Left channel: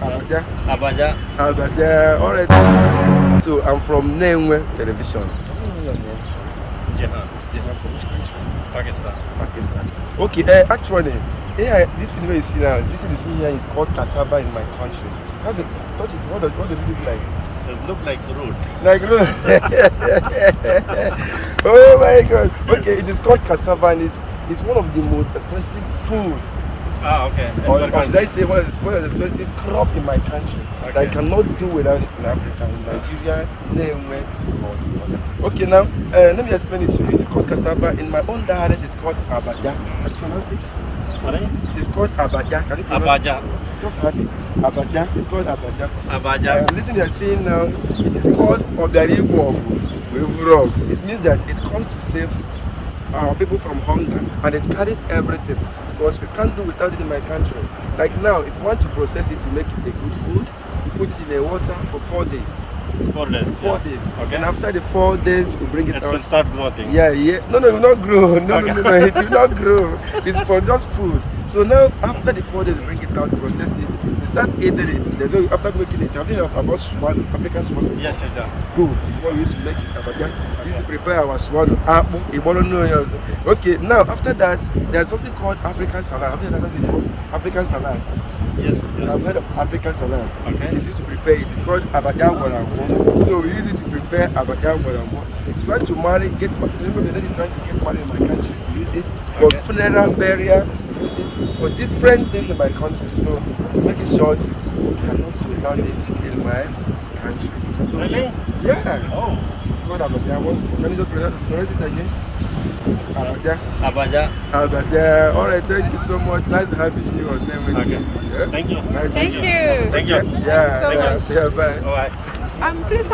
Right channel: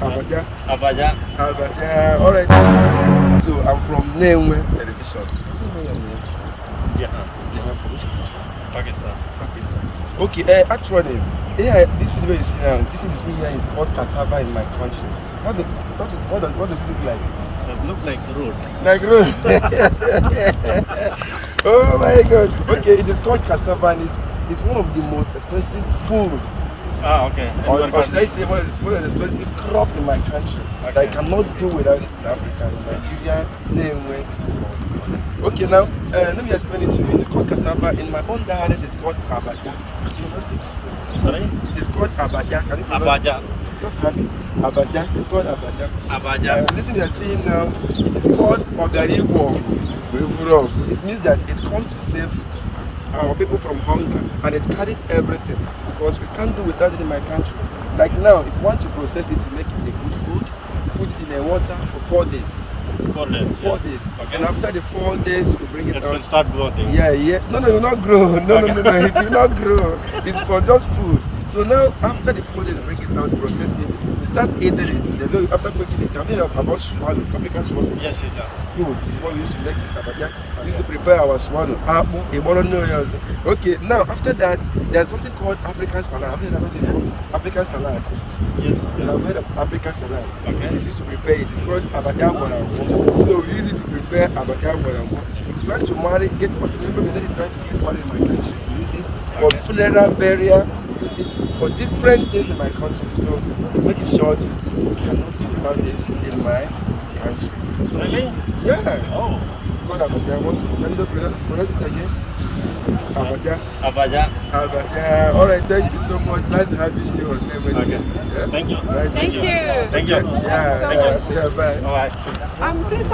Abaja. Abaja. Abaja. All right. So I'm from Nenwe television. Jahan. Jahan from which country? Pakistan. Pakistan. Okay. Actually, yeah, this thing where you see now, this thing you see here is called cassava in my country. Have you touch it? What does it look like? It look like road. Like road. Oh my God. Okay, it is called cassava and it's one of the most expensive food. Ah, okay. Or should I say one of the expensive crop in my country that I cannot do without it in Africa, in Nigeria, Nenwetv. Okay, now let me explain it to you. It's called cassava. In my own dialect, it's called abaja. Can you pronounce it? Sorry? It is called abaja. Can you pronounce Abaja. it? Just have it. Abaja. It's called abaja. Abaja. Listen, you're saying now, it is called Obaribo. It means that it comes to save our people from hunger, and it carries everything because we can't do without it in my country. Like now, if you want to process it to make it a good food, you put it in the water for 4 days. 4 days. 4 days. Okay. And after the 4 days, we bring it It out. will start growing. Yeah. No, it will not grow. No, it will not grow. It's for just food. So now, after the 4 days, we bring it out, process it, we start eating it. There's no, after making it, I'm thinking about swallow, African swallow. Yes. Good. This is what we used to make it abaja. We used to prepare our swallow. Igboro Ndi Nenwe. Okay, now after that, there's something called African salad. I've heard that before. African salad. Yes. I've heard of African salad. Okay. It is used to prepare it. It's called abaja warambo. So we use it to prepare abaja warambo. If you want to marry, get married. Maybe the lady is trying to get married in my country. We use it for funeral, burial. We use it for different things in my country. So to make it short, I cannot do without this in my country. So, Really? yeah. Oh. It's called abaja. Can you correct it again? Abaja. Abaja. Abaja. All right. Thank you so much. Nice having you on Nenwetv. Okay. Yeah? Thank you. Nice Thank meeting you. Thank you. Yeah. Bye. All right. Please